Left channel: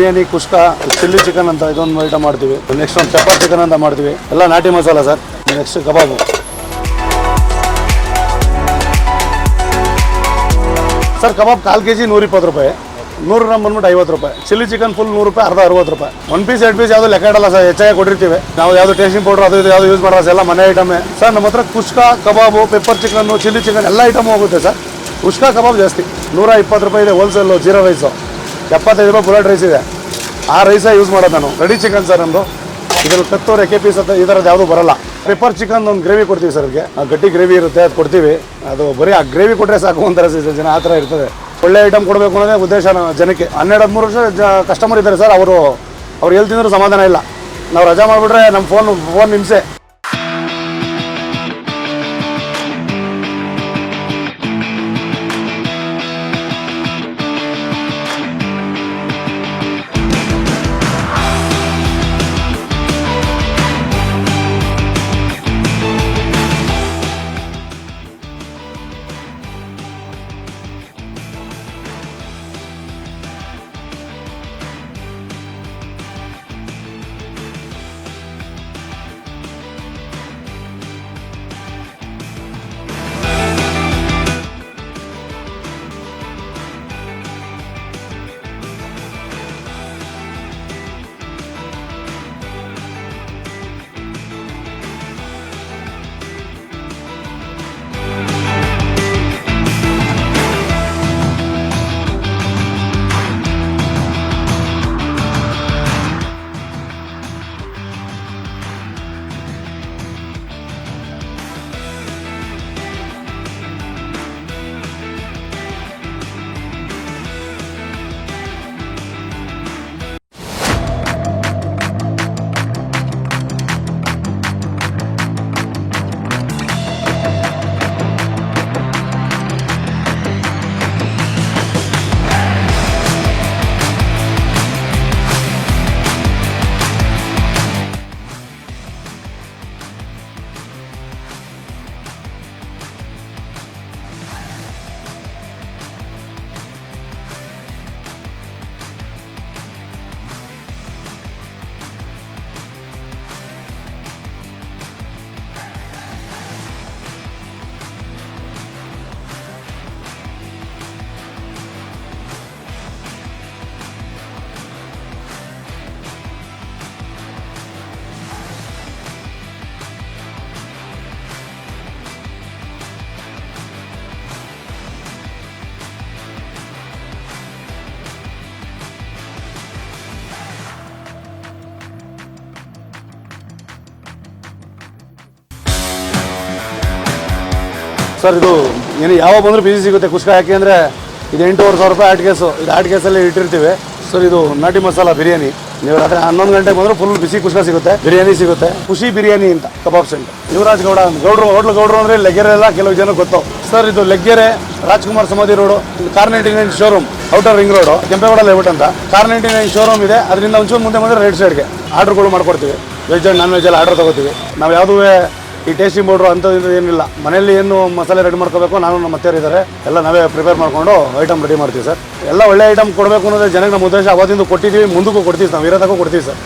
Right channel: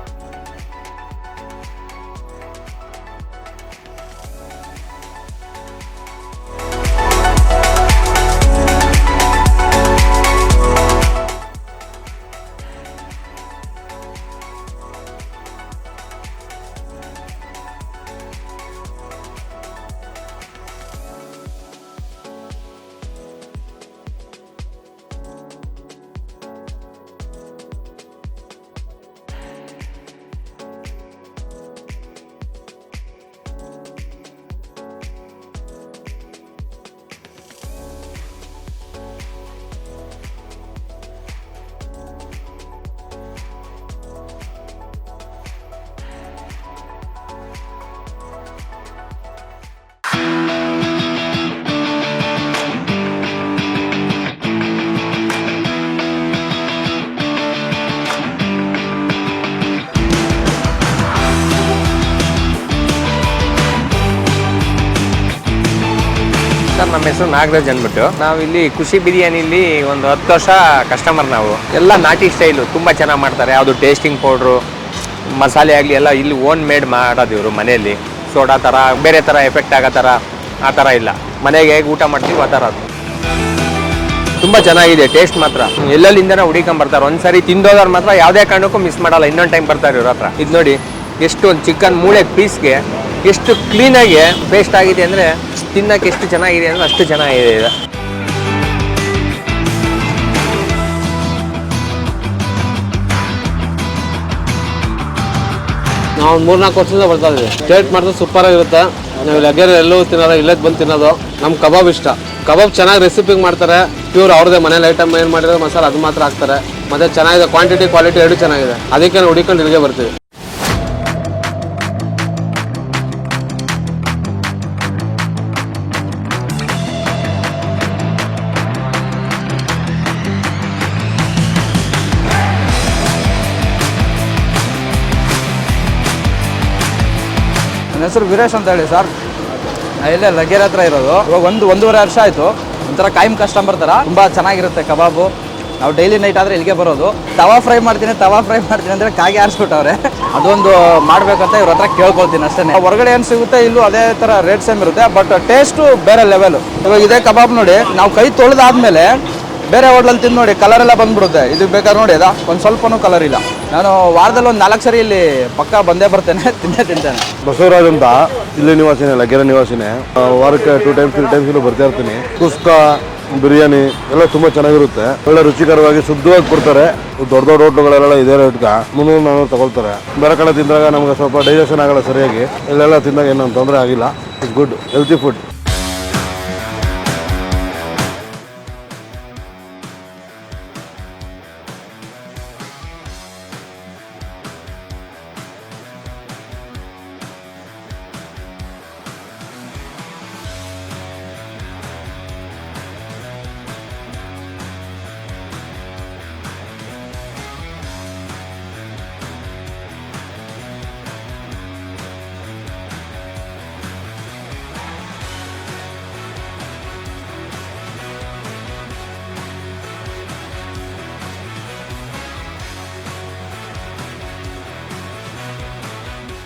ಬಿರಿಯಾನಿ ಕುಷ್ಕ chilli chicken ಅಂತ ಇದೊಂದು item ಮಾಡ್ತೀವಿ. ನೆಕ್ಸ್ಟ್ ಒಂದು ಪೆಪ್ಪರ್ ಚಿಕನ್ ಅಂತ ಮಾಡ್ತೀವಿ. ಎಲ್ಲ ನಾಟಿ ಮಸಾಲ ಸರ್. ನೆಕ್ಸ್ಟ್ ಕಬಾಬು. ಸರ್, ಕಬಾಬ್ ಕಾಲು ಕೆ ಜಿ ನೂರ ಇಪ್ಪತ್ತು ರೂಪಾಯಿ. ನೂರು ಗ್ರಾಮ್ ಬಂದ್ಬಿಟ್ಟು ಐವತ್ತು ರೂಪಾಯಿ. ಚಿಲ್ಲಿ ಚಿಕನ್ ಫುಲ್ ನೂರು ರೂಪಾಯಿ, ಅರ್ಧ ಅರವತ್ತು ರೂಪಾಯಿ. ಒನ್ ಪೀಸ್ ಎರಡು ಪೀಸ್ ಯಾವುದು ಲೆಕ್ಕ ಇಡಲ್ಲ ಸರ್. ಹೆಚ್ಚಾಗಿ ಕೊಟ್ಟಿರ್ತೀವಿ. ನಾವು ಯಾವುದು ಟೇಸ್ಟಿಂಗ್ ಪೌಡರ್ ಅದು ಇದು ಯಾವುದು ಯೂಸ್ ಸರ್. ಎಲ್ಲ ಮನೆ ಐಟಮೇ ಸರ್, ನಮ್ಮ ಹತ್ರ ಕುಷ್ಕ ಕಬಾಬು ಪೆಪ್ಪರ್ ಚಿಕನ್ನು ಚಿಲ್ಲಿ ಚಿಕನ್ ಎಲ್ಲ ಐಟಮ್ ಹೋಗುತ್ತೆ ಸರ್. ಕುಷ್ಕ ಕಬಾಬ್ ಜಾಸ್ತಿ. ನೂರ ಇಪ್ಪತ್ತು ರೂಪಾಯಿ ಇದೆ ಹೋಲ್ಸೇಲು ಜೀರಾ ರೈಸು ಎಪ್ಪತ್ತೈದು ರೂಪಾಯಿ ಬುಲೆಟ್ ರೈಸ್ ಇದೆ. ಆ ರೈಸೇ ಯೂಸ್ ಮಾಡೋದು ನಾನು. ರೆಡಿ ಚಿಕನ್ ಸರ್ ನಮ್ಮದು ಇದರಲ್ಲಿ ಕತ್ತೋರು ಎಕೆ ಪೀಸ್ ಅಂತ ಈ ಥರದ್ದು ಯಾವುದೂ ಬರಲ್ಲ. ಪೆಪ್ಪರ್ ಚಿಕನ್ ಒಂದು ಗ್ರೇವಿ ಕೊಡ್ತೀವಿ ಸರ್ ಅವ್ರಿಗೆ. ಆ ಗಟ್ಟಿ ಗ್ರೇವಿ ಇರುತ್ತೆ, ಅದು ಕೊಡ್ತೀವಿ. ಅದು ಬರೀ ಆ ಗ್ರೇವಿ ಕೊಟ್ಟರೆ ಸಾಕು ಅಂತಾರೆ ಜನ ಆ ಥರ ಇರ್ತದೆ. ಒಳ್ಳೆ ಐಟಮ್ ಕೊಡಬೇಕು ಅನ್ನೋದೇ ಉದ್ದೇಶ ಜನಕ್ಕೆ. ಹನ್ನೆರಡು, ಹದಿಮೂರು ವರ್ಷ ಜ ಕಸ್ಟಮರ್ ಇದ್ದಾರೆ ಸರ್ ಅವರು ಅವ್ರು ಎಲ್ಲಿ ತಿಂದರೂ ಸಮಾಧಾನ ಇಲ್ಲ. ನಾವು ರಜಾ ಮಾಡಿಬಿಟ್ರೆ ನಮ್ಮ ಫೋನ್ ಫೋನ್ ಹಿಂಸೆ. ಹೆಸರು ನಾಗರಾಜ್ ಅಂದ್ಬಿಟ್ಟು. ನಾವು ಇಲ್ಲಿ ಖುಷಿ ಬಿರಿಯಾನಿಲಿ ಒಂದು ಹತ್ತು ವರ್ಷ ಕಸ್ಟಮರ್ ನಾವು. ಎಲ್ಲ ನಾಟಿ ಸ್ಟೈಲು ತುಂಬ ಚೆನ್ನಾಗಿ ಮಾಡ್ತಾರೆ. ಯಾವುದು ಟೇಸ್ಟಿಂಗ್ ಪೌಡ್ರು ಮಸಾಲೆ ಆಗಲಿ ಎಲ್ಲ ಇಲ್ಲಿ ಓನ್ ಮೇಡ್ ಮಾಡೋದು ಇವರು ಮನೆಯಲ್ಲಿ. ಸೋಡಾ ಥರ, ಬೇರೆ ಥರ ಎಫೆಕ್ಟ್ ಆಗೋ ಥರ, ಆ ಥರ ಇಲ್ಲ. ಮನೆಗೆ ಹೇಗೆ ಊಟ ಮಾಡ್ತೀವಿ ಆ ಥರ ಅದು. ತುಂಬ ಚೆನ್ನಾಗಿದೆ ಟೇಸ್ಟ್ ಮಾತ್ರ. ಎಲ್ಲೆಲ್ಲಿಂದನೇ ಹುಡಿಕೊಂಬರ್ತಾರೆ ಒಂದ್ಸರಿ ತಿಂದೋದವ್ರು ಮಾತ್ರ ಯಾವುದೇ ಕಾರಣಕ್ಕೂ ಮಿಸ್ ಮಾಡಲ್ಲ. ಇನ್ನೊಂದು ಟೈಮ್ ಬರ್ತಾರೆ ಇವ್ರ ಹತ್ರ. ಇದು ನೋಡಿ ಎಷ್ಟು ಒಂದು ಚಿಕನ್ ಮೂಳೆ ಪೀಸ್ಗೆ ಎಷ್ಟು ಕ್ಲೀನಾಗಿ ಪೇಸ್ಟ್ ಆಗಿದೆ ಅಂದರೆ ತಿನ್ನಕ್ಕೆ ಎಷ್ಟು ಚೆನ್ನಾಗಿದೆ ಅಂದರೆ ಅಷ್ಟು ಚೆನ್ನಾಗಿದೆ ಇದು ನಾವು ಮೂರ್ನಾಲ್ಕು ವರ್ಷದಿಂದ ಬರ್ತಾ ಇದ್ದೀವಿ. ಸ್ಟೇಟ್ ಮಾಡಿದ್ರೆ ಸೂಪರ್ ಆಗಿರುತ್ತೆ. ನಾವು ಲಗ್ಗೆರೆ ಎಲ್ಲೂ ತಿನ್ನೋದು ಇಲ್ಲೇ ಬಂದು ತಿನ್ನೋದು. ನಮ್ಮ ಕಬಾಬ್ ಇಷ್ಟ. ಕಬಾಬ್ ಚೆನ್ನಾಗಿ ರೆಸಿಪಿಗೆ ಮಾಡ್ತಾರೆ. ಪ್ಯೂರ್ ಅವ್ರದೇ ಮನೇಲಿ ಐಟಮ್ ಏನು ಮಾಡಿರೋ ಮಸಾಲ ಅದು ಮಾತ್ರ ಹಾಕ್ತಾರೆ. ಮತ್ತೆ ಚೆನ್ನಾಗಿದೆ ಕ್ವಾಂಟಿಟಿ ಕ್ವಾಲಿಟಿ ಎರಡು ಚೆನ್ನಾಗಿದೆ. ಅದಕ್ಕೆ ನಾವು ಹುಡಿಕೊಂಡು ಇಲ್ಲಿಗೆ ಬರ್ತೀವಿ. ಹೆಸರು ವೀರೇಶ್ ಅಂತ ಹೇಳಿ ಸರ್. ಇಲ್ಲೇ ಲಗೇರ್ ಹತ್ರ ಇರೋದು. ಇವಾಗ ಒಂದು, ಒಂದೂವರೆ ವರ್ಷ ಆಯಿತು. ಒಂಥರ ಕಾಯಂ ಕಸ್ಟಮರ್ ಥರ ತುಂಬ ಚೆನ್ನಾಗಿರುತ್ತೆ ಕಬಾಬು. ನಾವು ಡೈಲಿ ನೈಟ್ ಆದರೆ ಇಲ್ಲಿಗೆ ಬರೋದು. ತವಾ ಫ್ರೈ ಮಾಡ್ತೀನಿ, ತವಾ ಫ್ರೈ ಮಾಡ್ತೀನಿ ಅಂದರೆ ಕಾಗೆ ಆರಿಸ್ಬಿಟ್ಟವ್ರೆ. ಅದೊಂದು ಮಾಡಬೇಕಂತ ಇವ್ರ ಹತ್ರ ಕೇಳ್ಕೊಳ್ತೀನಿ ಅಷ್ಟೇ ಹೊರಗಡೆ ಏನು ಸಿಗುತ್ತೆ ಇಲ್ಲೂ ಅದೇ ಥರ ರೇಟ್ ಸೇಮ್ ಇರುತ್ತೆ ಬಟ್ ಟೇಸ್ಟು ಬೇರೆ ಲೆವೆಲು ಇವಾಗ ಇದೇ ಕಬಾಬ್ ನೋಡಿ, ನಾವು ಕೈ ತೊಳೆದಾದ್ಮೇಲೆ ಬೇರೆ ಹೋಟ್ಲಲ್ಲಿ ತಿಂದು ನೋಡಿ ಕಲರ್ ಎಲ್ಲ ಬಂದ್ಬಿಡುತ್ತೆ. ಇದು ಬೇಕಾದ್ರೆ ನೋಡಿ, ಅದಾ? ಒಂದು ಸ್ವಲ್ಪನೂ ಕಲರ್ ಇಲ್ಲ. ನಾನು ವಾರದಲ್ಲಿ ಒಂದು ನಾಲ್ಕು ಸರಿ ಇಲ್ಲಿ ಪಕ್ಕ ಬಂದೇ ಬರ್ತೇನೆ, ತಿಂದೇ ತಿಂತೇನೆ. ಬಸವರಾಜ್ ಅಂತ, ಇಲ್ಲಿ ನಿವಾಸಿನೇ, ಲಗ್ಗೆರೆ ನಿವಾಸಿನೇ. ವಾರಕ್ಕೆ ಟೂ ಟೈಮ್ಸ್ ತ್ರೀ ಟೈಮ್ಸ್ ಇಲ್ಲಿ ಬರ್ತಾ ಇರ್ತೀನಿ. ಕುಸ್ಕ, ಬಿರಿಯಾನಿ, ಎಲ್ಲ ತುಂಬ ಚೆನ್ನಾಗಿರುತ್ತೆ. ಒಳ್ಳೆ ರುಚಿಕರವಾಗಿ ಶುದ್ಧವಾಗಿ ಕೊಡ್ತಾರೆ. ದೊಡ್ಡ ದೊಡ್ಡ ಹೋಟ್ಲುಗಳೆಲ್ಲ ಇದೇ ರೇಟ್ಗೆ ಮುನ್ನೂರು, ನಾನೂರು ತಗೊಳ್ತಾರೆ. ಬೇರೆ ಕಡೆ ತಿಂದಾಗ ನಮ್ಗೆ ಸ್ವಲ್ಪ ಡೈಜೆಷನ್ ಆಗಲ್ಲ ಸರಿಯಾಗಿ. ಇಲ್ಲೆಲ್ಲ ತಿಂದಾಗ ಏನೂ ತೊಂದರೆ ಆಗಿಲ್ಲ. It's good healthy food sir, ಇದು ಏನು ಯಾವಾಗ ಬಂದರೂ ಬಿಸಿ ಸಿಗುತ್ತೆ. ಕುಷ್ಕ ಯಾಕೆ ಅಂದರೆ ಇದು ಎಂಟೂವರೆ ಸಾವಿರ ರೂಪಾಯಿ ಆಟ್ ಕೇಸು ಇದು ಆಟ್ ಕೇಸಲ್ಲಿ ಇಟ್ಟಿರ್ತೀವಿ. ಸರ್, ಇದು ನಾಟಿ ಮಸಾಲ ಬಿರಿಯಾನಿ. ನೀವು ರಾತ್ರಿ ಹನ್ನೊಂದು ಗಂಟೆಗೆ ಬಂದರೂ ಫುಲ್ ಬಿಸಿ ಕುಷ್ಕ ಸಿಗುತ್ತೆ. ಬಿರಿಯಾನಿ ಸಿಗುತ್ತೆ. ಖುಷಿ ಬಿರಿಯಾನಿ ಅಂತ, ಕಬಾಬ್ ಸೆಂಟರ್. ಯುವರಾಜ್ ಗೌಡ. ಗೌಡ್ರು, ಹೋಟ್ಲು ಗೌಡ್ರು ಅಂದರೆ ಲೆಗ್ಗೆರೆಲ್ಲ ಕೆಲವು ಜನ ಗೊತ್ತು ಸರ್, ಇದು Laggere Rajkumar Samadhi road, car ninety nine showroom outer ring road Kempegowda layout ಅಂತ. ಕಾರ್ ನೈಂಟಿ ನೈನ್ ಶೋರೂಮ್ ಇದೆ. ಅದರಿಂದ ಒಂಚೂರು ಮುಂದೆ ಬಂದರೆ ರೈಟ್ ಸೈಡ್ಗೆ ಆರ್ಡ್ರ್ಗಳು ಮಾಡ್ಕೊಡ್ತೀವಿ ವೆಜ್ ಆ್ಯಂಡ್ ನಾನ್ ವೆಜ್ ಎಲ್ಲ ಆರ್ಡರ್ ತಗೋತೀವಿ. ನಾವು ಯಾವುದೂ ಈ ಟೇಸ್ಟಿಂಗ್ ಪೌಡ್ರು ಅಂಥದ್ದು ಏನಿಲ್ಲ. ಮನೆಯಲ್ಲಿ ಏನು ಮಸಾಲೆ ರೆಡಿ ಮಾಡ್ಕೋಬೇಕು ನಾನು ನಮ್ಮ ಇದ್ದಾರೆ. ಎಲ್ಲ ನಾವೇ ಪ್ರಿಪೇರ್ ಮಾಡಿಕೊಂಡು ಐಟಮ್ ರೆಡಿ ಮಾಡ್ತೀವಿ ಸರ್. ಎಲ್ಲ ಒಳ್ಳೆ ಐಟಮ್ ಕೊಡಬೇಕು ಅನ್ನೋದೇ ಜನಕ್ಕೆ ನಮ್ಮ ಉದ್ದೇಶ. ಅವತ್ತಿಂದ ಕೊಟ್ಟಿದ್ದೀವಿ, ಮುಂದಕ್ಕೂ ಕೊಡ್ತೀವಿ ನಾವು ಇರೋದಕ್ಕೂ ಕೊಡ್ತೀವಿ ಸರ್.